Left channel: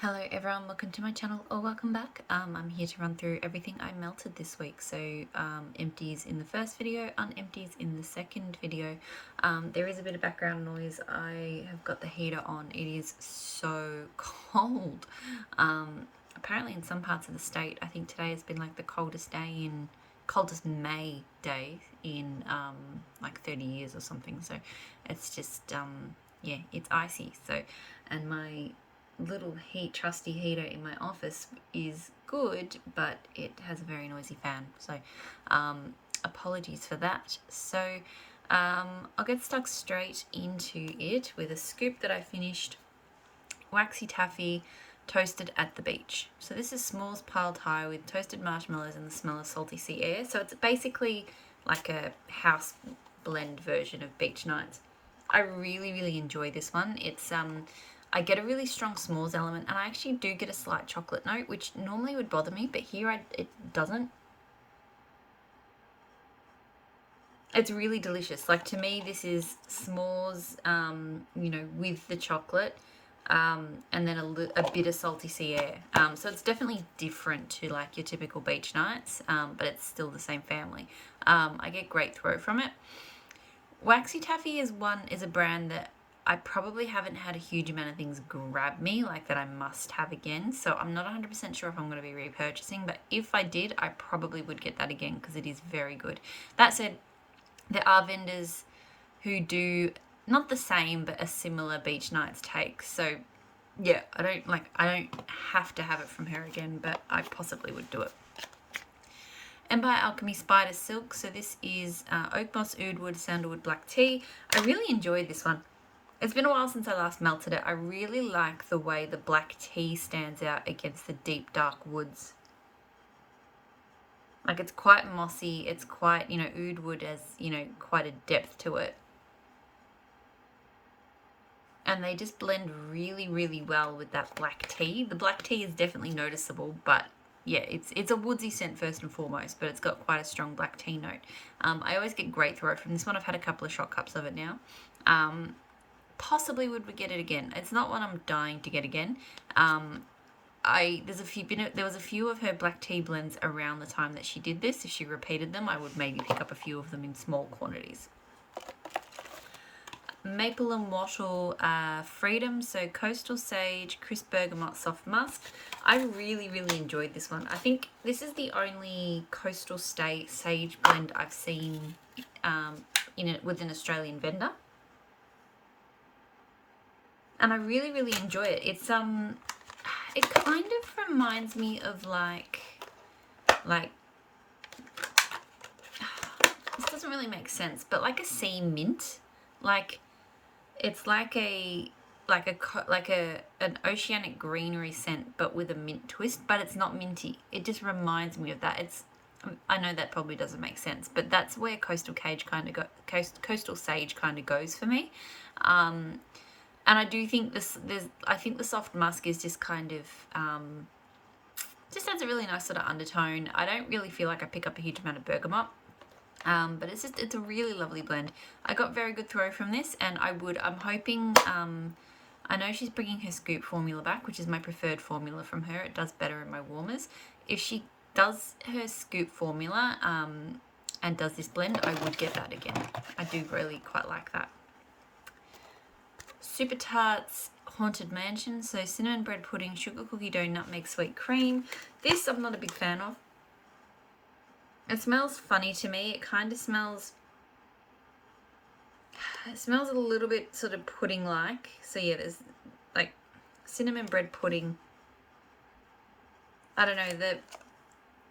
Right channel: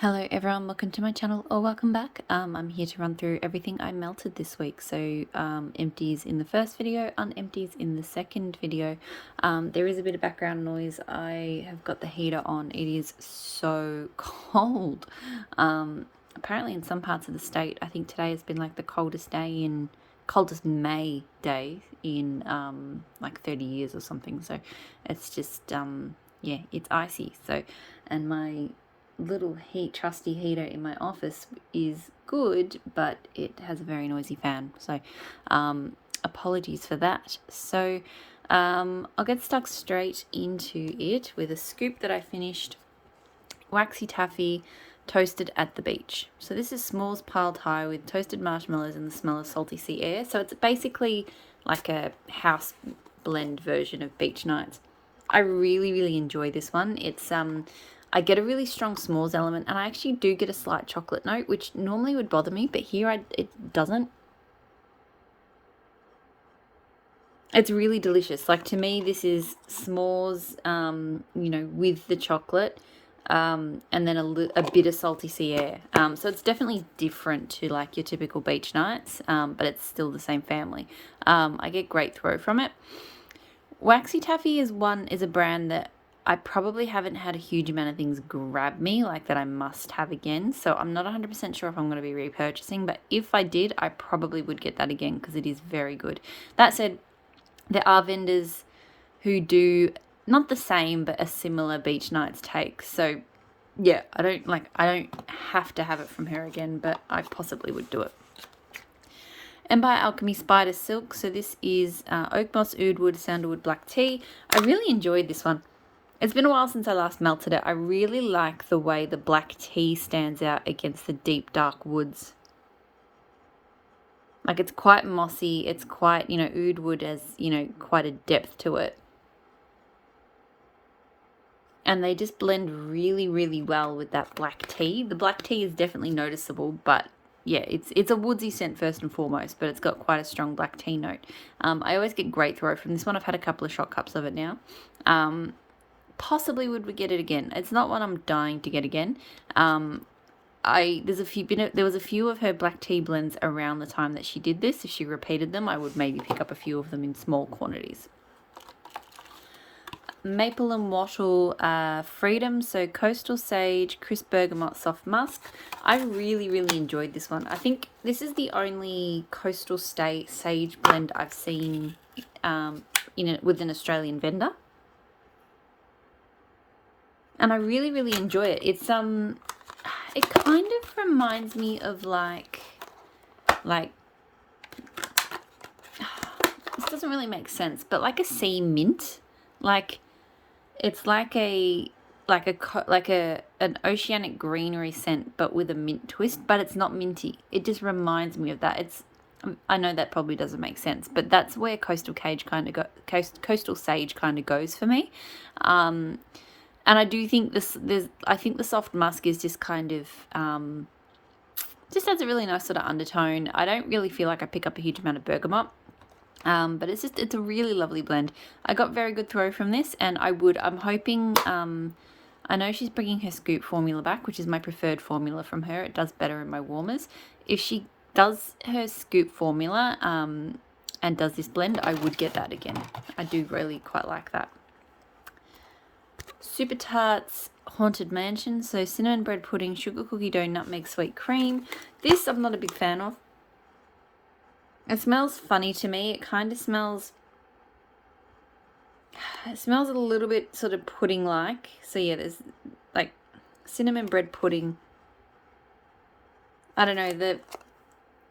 Hello everyone, welcome to my channel or welcome back. I'm here to run through everything I melted this week. So empties in the first video, unempties in the second video. There is a bit of background noise. I have got the heater on. It is so cold. Apparently in some parts of the state, I think today has been like the coldest May day in like 30 years or something. So it's just yeah, it's icy. So and my little trusty heater in my office is good, but it has a very noisy fan, so apologies for that. So I'll get stuck straight into it with a scoop that I finished. Waxy taffy toasted at the beach. So this is s'mores piled high with toasted marshmallows and the smell of salty sea air. So it's basically like a house blend version of beach nights. I really enjoy this one. It's I get a really strong s'mores element, and I actually do get a slight chocolate note, which normally would bother me, but here it doesn't. It's really delicious. Like, to me, this is s'mores, with the chocolate, and then a bit of salty sea air. So it's definitely different to like your typical beach nights, but it's still the same family. I get great throw from it. Waxy Taffy is a brand that I probably haven't had a huge amount of things grab me like that I must have again. So I'm not 100% sure if I'm going to be repurchasing, but if I did, I probably would get that again because it is very good. That said, there are vendors who do not the same but a similar beach nights take. So yeah, I don't have to have it from her again, but I possibly would do it. Empire Alchemy Spider Silk. So this is oak moss, oud wood, sandalwood, black tea. I really enjoyed this one. It's been a while since I last melted it. I really like the way the black tea stands out against the deep dark woods. Like, it's quite mossy. It's quite, oud wood has, quite a depth to it. And they just blend really well with that black tea. The black tea is definitely noticeable, but yeah, it's a woodsy scent first and foremost, but it's got quite a strong black tea note. I always get great throw from this one. I've had a couple of shot cups of it now. Possibly would get it again. It's not one I'm dying to get again. There was a few of her black tea blends around the time that she did this. If she repeated them, I would maybe pick up a few of them in small quantities. Maple and Wattle Freedom, so Coastal Sage, Crisp Bergamot Soft Musk. I really enjoyed this one. I think this is the only Coastal Sage blend I've seen with an Australian vendor. And I really enjoy it. It's it kind of reminds me of like this doesn't really make sense, but like a sea mint. Like, it's like an oceanic greenery scent, but with a mint twist. But it's not minty. It just reminds me of that. I know that probably doesn't make sense, but that's where Coastal Sage kind of goes for me. And I do think I think the soft musk is just kind of just has a really nice sort of undertone. I don't really feel like I pick up a huge amount of bergamot. But it's a really lovely blend. I got very good throw from this, and I'm hoping, I know she's bringing her scoop formula back, which is my preferred formula from her. It does better in my warmers. If she does her scoop formula, and does this blend, I would get that again. I do really quite like that. Super Tarts Haunted Mansion, so cinnamon bread pudding, sugar cookie dough, nutmeg, sweet cream. This I'm not a big fan of. It smells funny to me. It kind of smells a little bit sort of pudding-like. So yeah, there's like cinnamon bread pudding. I don't know,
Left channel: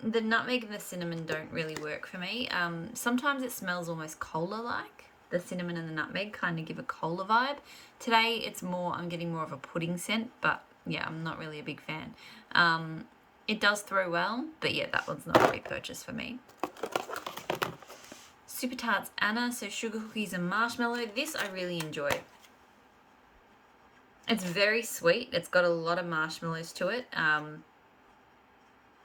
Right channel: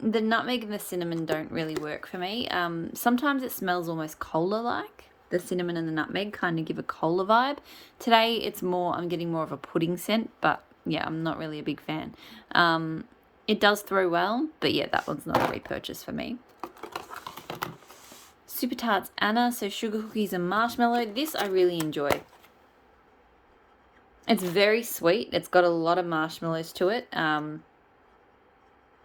the nutmeg and the cinnamon don't really work for me. Sometimes it smells almost cola-like. The cinnamon and the nutmeg kind of give a cola vibe. Today I'm getting more of a pudding scent, but yeah, I'm not really a big fan. It does throw well, but yeah, that one's not a repurchase for me. Super Tarts Anna, so sugar cookies and marshmallow. This I really enjoy. It's very sweet. It's got a lot of marshmallows to it,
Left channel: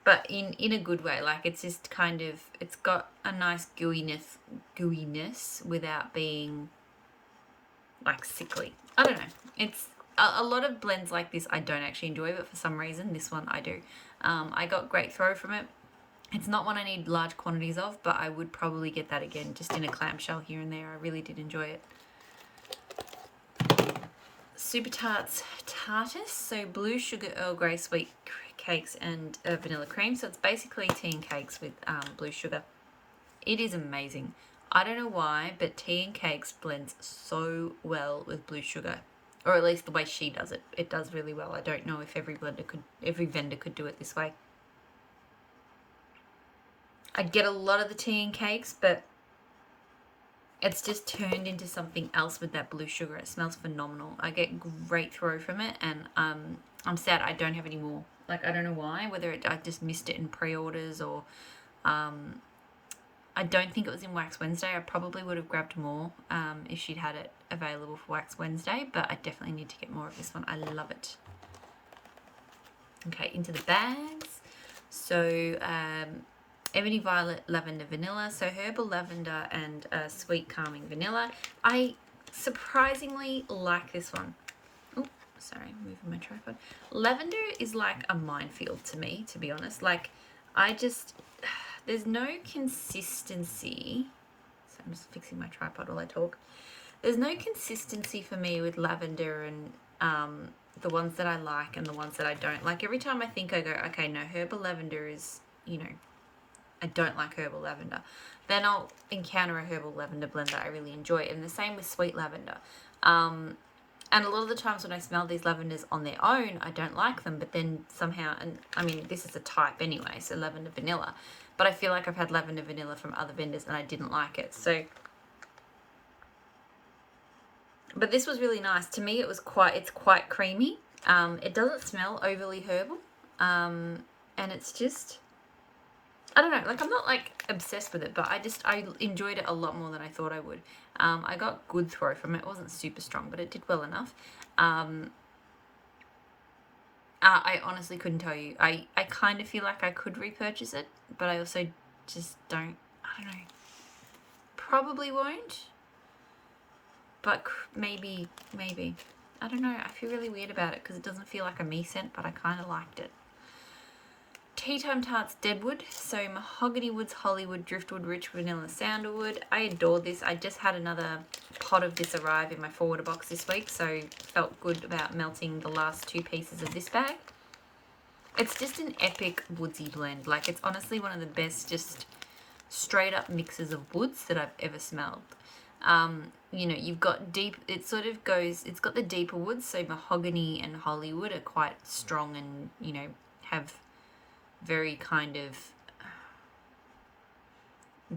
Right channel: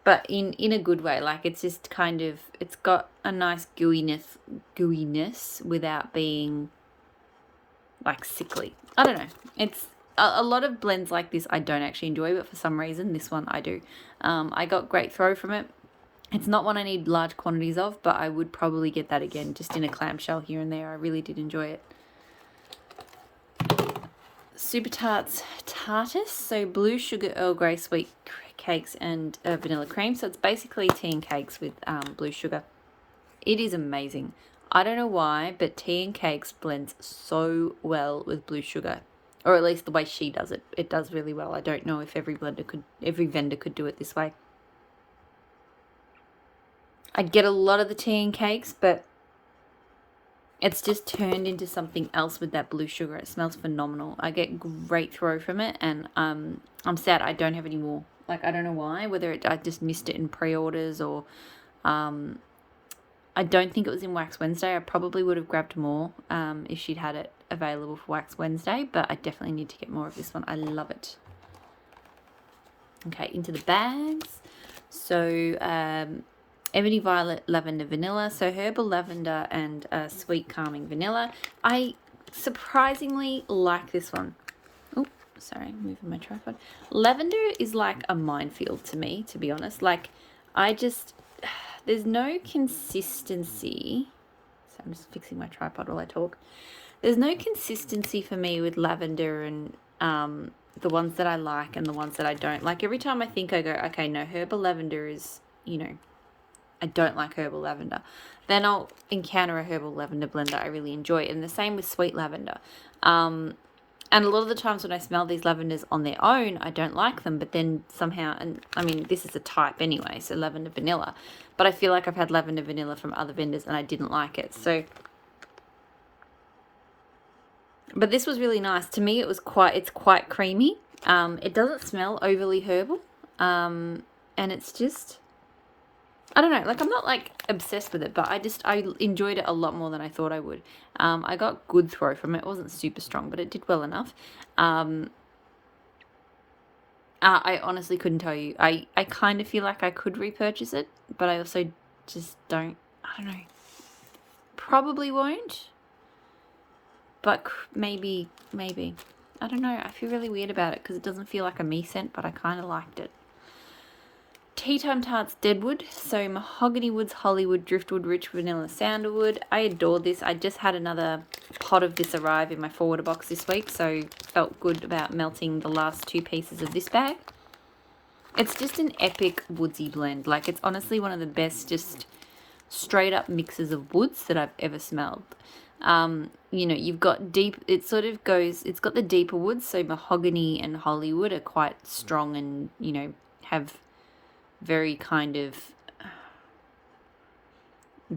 but in a good way. Like, it's just kind of, it's got a nice gooiness without being like sickly. I don't know. a lot of blends like this I don't actually enjoy, but for some reason this one I do. I got great throw from it. It's not one I need large quantities of, but I would probably get that again just in a clamshell here and there. I really did enjoy it. Super Tarts Tartus, so blue sugar Earl Grey sweet cakes and vanilla cream. So it's basically tea and cakes with blue sugar. It is amazing. I don't know why, but tea and cakes blends so well with blue sugar, or at least the way she does it. It does really well. I don't know if every vendor could do it this way. I get a lot of the tea and cakes, but it's just turned into something else with that blue sugar. It smells phenomenal. I get great throw from it, and I'm sad I don't have any more. Like, I don't know why, whether I just missed it in pre-orders or I don't think it was in Wax Wednesday. I probably would have grabbed more if she'd had it available for Wax Wednesday, but I definitely need to get more of this one. I love it. Okay, into the bags. So Ebony Violet Lavender Vanilla. So herbal lavender and sweet calming vanilla. I surprisingly like this one. Oh, sorry, moving my tripod. Lavender is like a minefield to me, to be honest. Like, there's no consistency. So I'm just fixing my tripod while I talk. There's no consistency for me with lavender and the ones that I like and the ones that I don't. Like, every time I think, I go, okay, no, herbal lavender is, I don't like herbal lavender. Then I'll encounter a herbal lavender blend that I really enjoy. And the same with sweet lavender. And a lot of the times when I smell these lavenders on their own, I don't like them. But then somehow, and I mean, this is a type anyway, so lavender vanilla. But I feel like I've had lavender vanilla from other vendors and I didn't like it. So, but this was really nice. To me, it's quite creamy. It doesn't smell overly herbal. And it's just, I don't know, like, I'm not like obsessed with it, but I enjoyed it a lot more than I thought I would. I got good throw from it. It wasn't super strong, but it did well enough. I honestly couldn't tell you. I kind of feel like I could repurchase it, but I also just don't, I don't know. Probably won't, but maybe. I don't know. I feel really weird about it because it doesn't feel like a me scent, but I kind of liked it. Tea Time Tarts Deadwood, so mahogany woods, Hollywood, driftwood, rich vanilla, sandalwood. I adore this. I just had another pot of this arrive in my forwarder box this week, so felt good about melting the last 2 pieces of this bag. It's just an epic woodsy blend. Like, it's honestly one of the best just straight up mixes of woods that I've ever smelled. You've got deep, it's got the deeper woods, so mahogany and Hollywood are quite strong and, have very kind of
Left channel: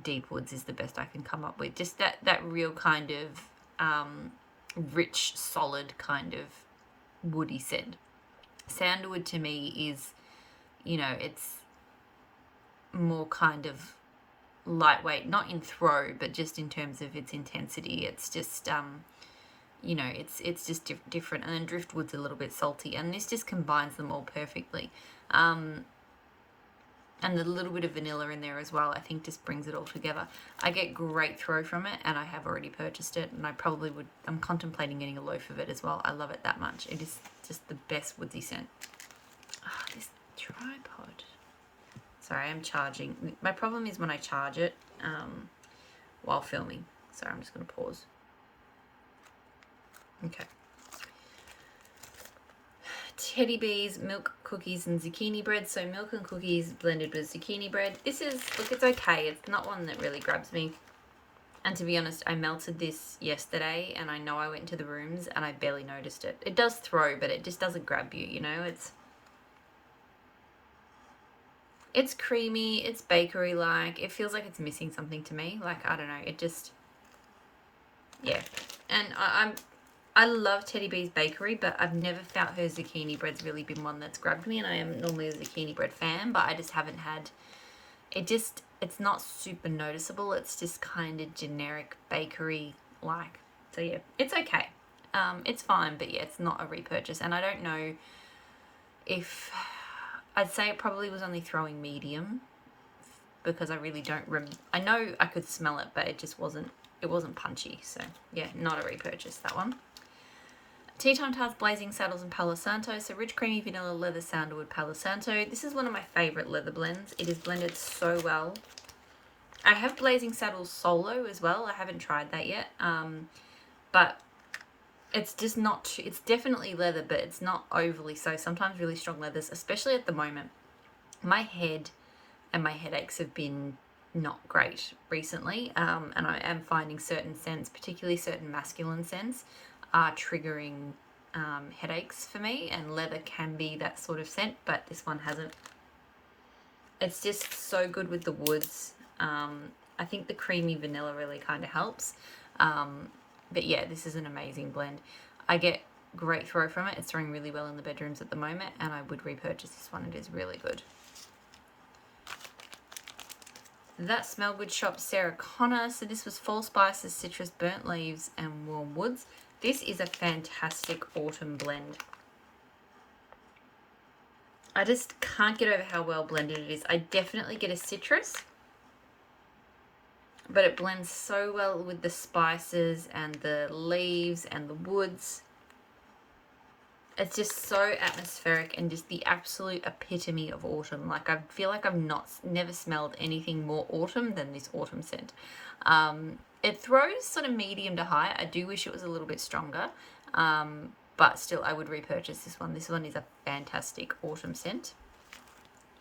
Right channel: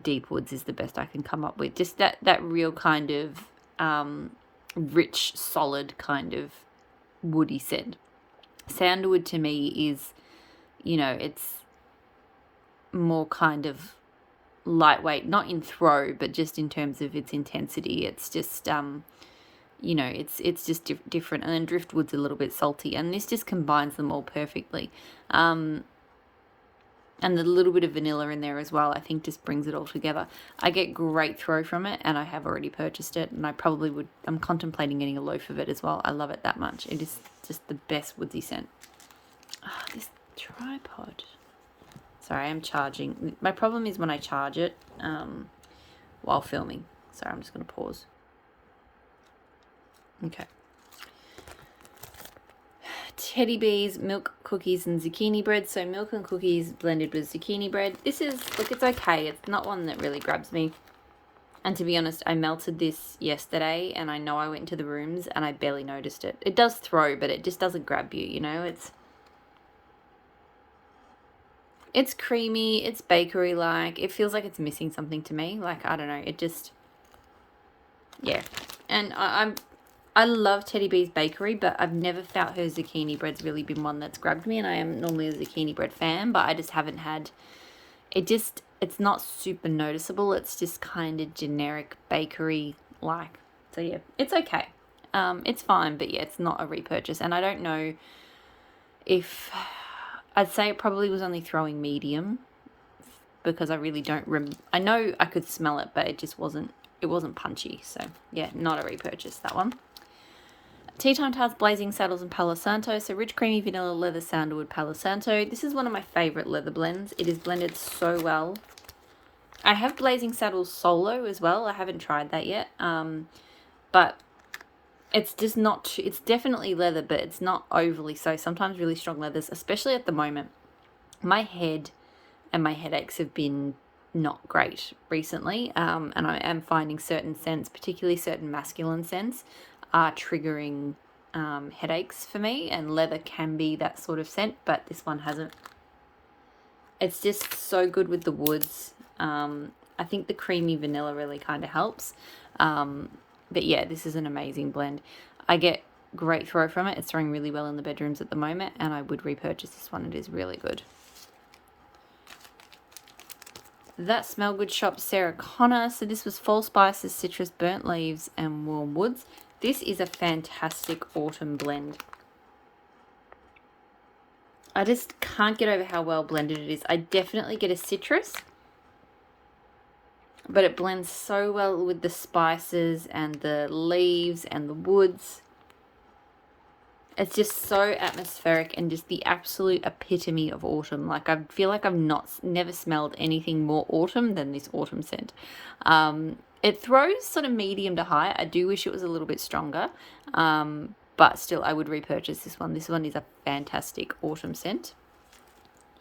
deep woods is the best I can come up with. Just that real kind of rich, solid kind of woody scent. Sandalwood to me is, it's more kind of lightweight, not in throw, but just in terms of its intensity. It's just, it's just different. And then driftwood's a little bit salty, and this just combines them all perfectly. And the little bit of vanilla in there as well, I think just brings it all together. I get great throw from it, and I have already purchased it, and I probably would. I'm contemplating getting a loaf of it as well. I love it that much. It is just the best woodsy scent. This tripod. Sorry, I'm charging. My problem is when I charge it while filming. Sorry, I'm just going to pause. Okay. Teddy Bees, milk, cookies, and zucchini bread. So milk and cookies blended with zucchini bread. This is, look, it's okay. It's not one that really grabs me. And to be honest, I melted this yesterday, and I know I went into the rooms and I barely noticed it. It does throw, but it just doesn't grab you, It's creamy, it's bakery-like. It feels like it's missing something to me. Like, I don't know, it just, yeah. And I love Teddy Bee's bakery, but I've never felt her zucchini bread's really been one that's grabbed me, and I am normally a zucchini bread fan, but I just haven't had, it's not super noticeable. It's just kind of generic bakery-like. So yeah, it's okay. It's fine, but yeah, it's not a repurchase. And I don't know if, I'd say it probably was only throwing medium, because I really don't, I know I could smell it, but it just wasn't punchy. So yeah, not a repurchase, that one. Tea Time Tarts, Blazing Saddles, and Palo Santo. So rich, creamy vanilla, leather, sandalwood, Palo Santo. This is one of my favourite leather blends. It is blended so well. I have Blazing Saddles solo as well. I haven't tried that yet. But it's just not, it's definitely leather, but it's not overly so. Sometimes really strong leathers, especially at the moment. My head and my headaches have been not great recently. And I am finding certain scents, particularly certain masculine scents, are triggering headaches for me, and leather can be that sort of scent, but this one hasn't. It's just so good with the woods. I think the creamy vanilla really kind of helps. But yeah, this is an amazing blend. I get great throw from it. It's throwing really well in the bedrooms at the moment, and I would repurchase this one. It is really good. That Smell Good shop, Sarah Connor. So this was fall spices, citrus, burnt leaves, and warm woods. This is a fantastic autumn blend. I just can't get over how well blended it is. I definitely get a citrus, but it blends so well with the spices and the leaves and the woods. It's just so atmospheric and just the absolute epitome of autumn. Like, I feel like I've never smelled anything more autumn than this autumn scent. It throws sort of medium to high. I do wish it was a little bit stronger, but still I would repurchase this one. This one is a fantastic autumn scent.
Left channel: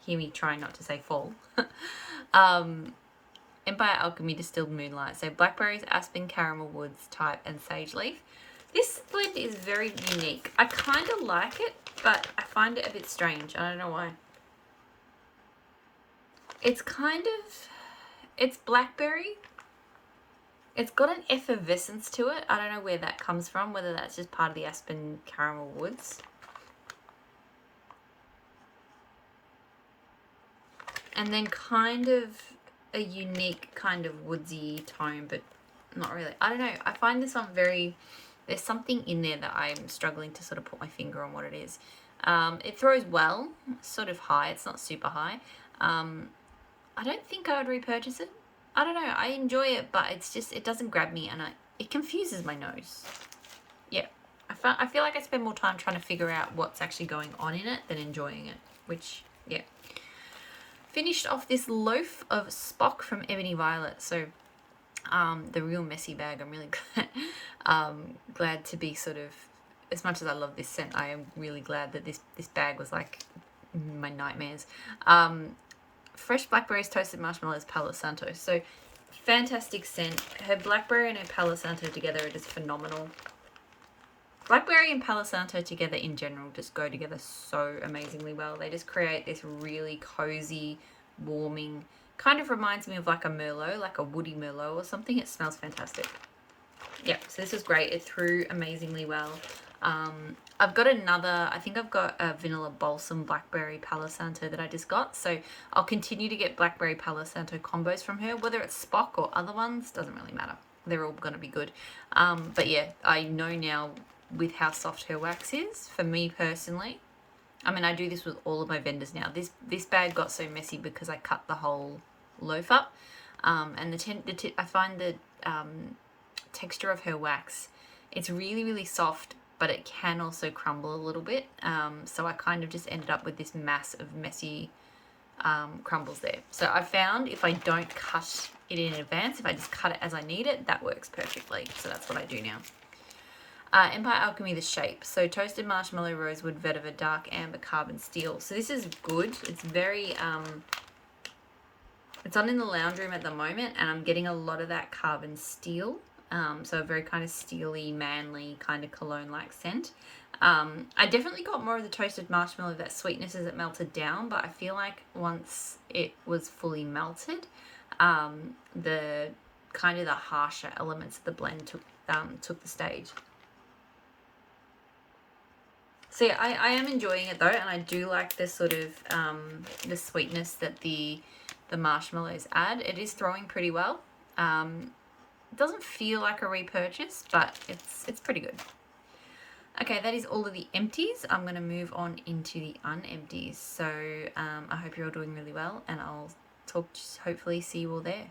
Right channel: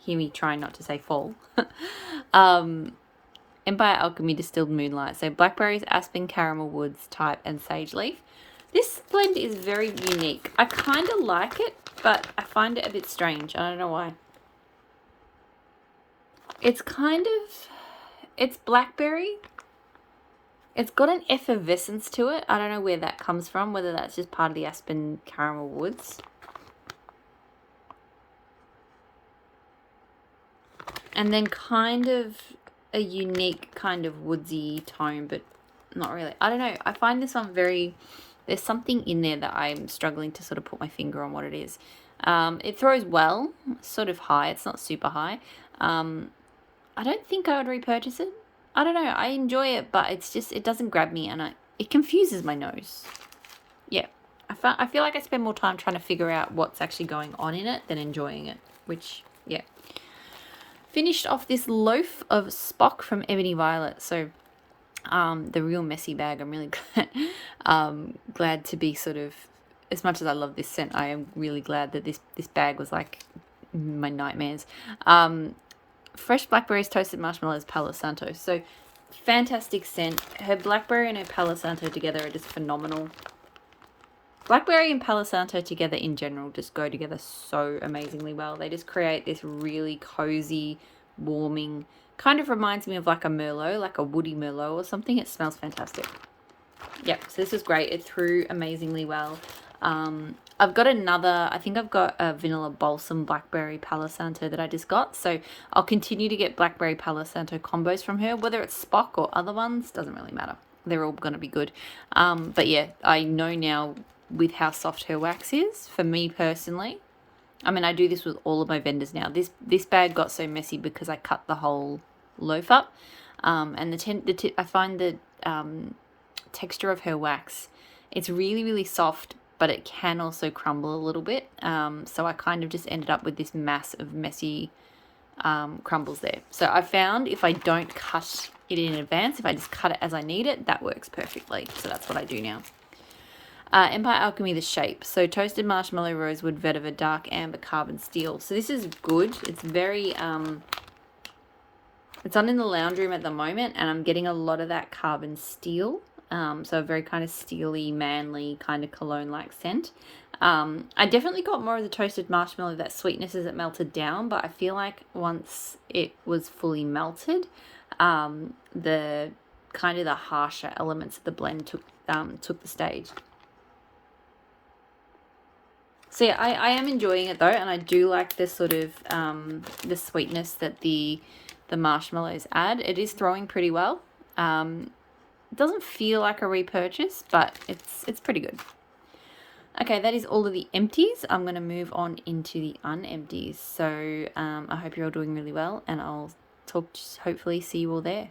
Hear me trying not to say fall. Empire Alchemy Distilled Moonlight. So blackberries, aspen, caramel woods type, and sage leaf. This blend is very unique. I kind of like it, but I find it a bit strange. I don't know why. It's it's blackberry. It's got an effervescence to it. I don't know where that comes from, whether that's just part of the aspen caramel woods. And then kind of a unique kind of woodsy tone, but not really. I don't know. I find this one there's something in there that I'm struggling to sort of put my finger on what it is. It throws well, sort of high. It's not super high. I don't think I would repurchase it. I don't know. I enjoy it, but it's just, it doesn't grab me, and it confuses my nose. Yeah. I feel like I spend more time trying to figure out what's actually going on in it than enjoying it, which, yeah. Finished off this loaf of Spock from Ebony Violet. So the real messy bag. I'm really glad to be sort of, as much as I love this scent, I am really glad that this bag was like my nightmares. Fresh blackberries, toasted marshmallows, Palo Santo. So fantastic scent. Her blackberry and her Palo Santo together are just phenomenal. Blackberry and Palo Santo together in general just go together so amazingly well. They just create this really cozy, warming, kind of reminds me of like a Merlot, like a woody Merlot or something. It smells fantastic. Yep, so this was great. It threw amazingly well. I've got another, I think I've got a vanilla balsam blackberry Palo Santo that I just got. So I'll continue to get blackberry Palo Santo combos from her, whether it's Spock or other ones, doesn't really matter. They're all going to be good. But yeah, I know now with how soft her wax is, for me personally, I mean, I do this with all of my vendors now. This bag got so messy because I cut the whole loaf up. And I find the texture of her wax, it's really, really soft, but it can also crumble a little bit. So I kind of just ended up with this mass of messy crumbles there. So I found if I don't cut it in advance, if I just cut it as I need it, that works perfectly. So that's what I do now. Empire Alchemy, the shape. So toasted marshmallow, rosewood, vetiver, dark amber, carbon steel. So this is good. It's very, it's on in the lounge room at the moment, and I'm getting a lot of that carbon steel. So a very kind of steely, manly kind of cologne-like scent. I definitely got more of the toasted marshmallow, that sweetness as it melted down, but I feel like once it was fully melted, the kind of the harsher elements of the blend took the stage. So yeah, I am enjoying it though, and I do like the sort of the sweetness that the marshmallows add. It is throwing pretty well. It doesn't feel like a repurchase, but it's pretty good. Okay, that is all of the empties. I'm going to move on into the unempties. So I hope you're all doing really well, and I'll hopefully see you all there.